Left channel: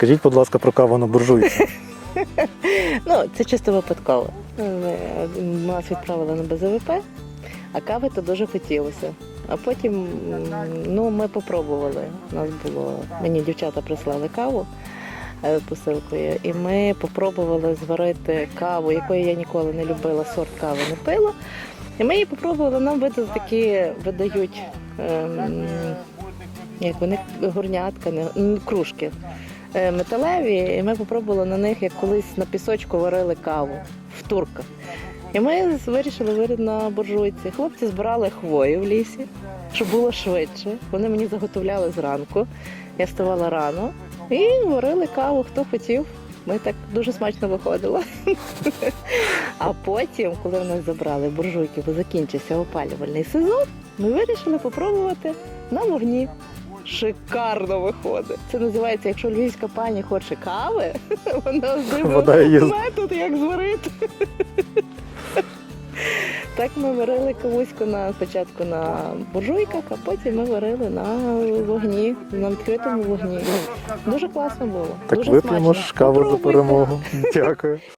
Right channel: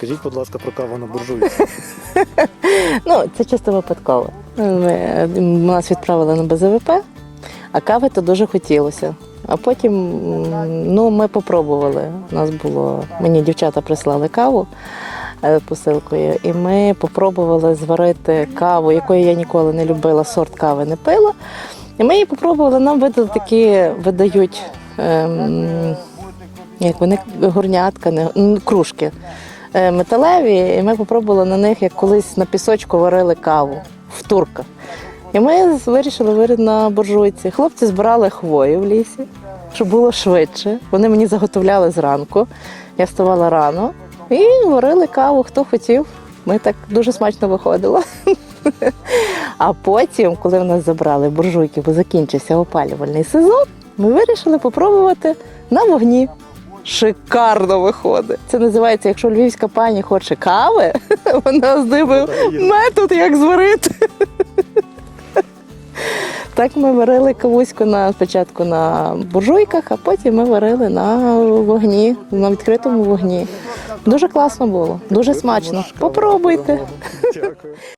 Розкажіть, будь ласка, про каву на буржуйці. Ну, це чисто випадково. Нас відправили на БЗВП, а кави то дуже хотілося. А потім ну, ми попробували. У нас було, мені дівчата прислали каву е, посилкою, і ми попробували зварити каву, якої я ніколи не любила, сорт кави не пила. І ми її попробували, нам видали такі, видають, ем, як вони горнятка, не, кружки металеві, і ми попробували на них, як колись на пісочку варили каву в турках. І ми вирішили варити на буржуйці. Хлопці збирали хвою в лісі, щоб було швидше. Вони мені заготовляли зранку. Я вставала рано і варили каву, хто хотів. Ми так дуже смачно виходило. А потім, коли в нас забрали буржуйки, бо закінчився опалювальний сезон, ми вирішили попробувати на вогні. Шикарно виходить. Це називається, якщо львівська пані хоче кави, вона Вода метод, як зварити. Так ми варили кавуську на спочатку на буржуйках, а потім ми варили на вогні, на відкритому вогні. Дуже класно було, дуже смачно. Попробуйте. Дякую.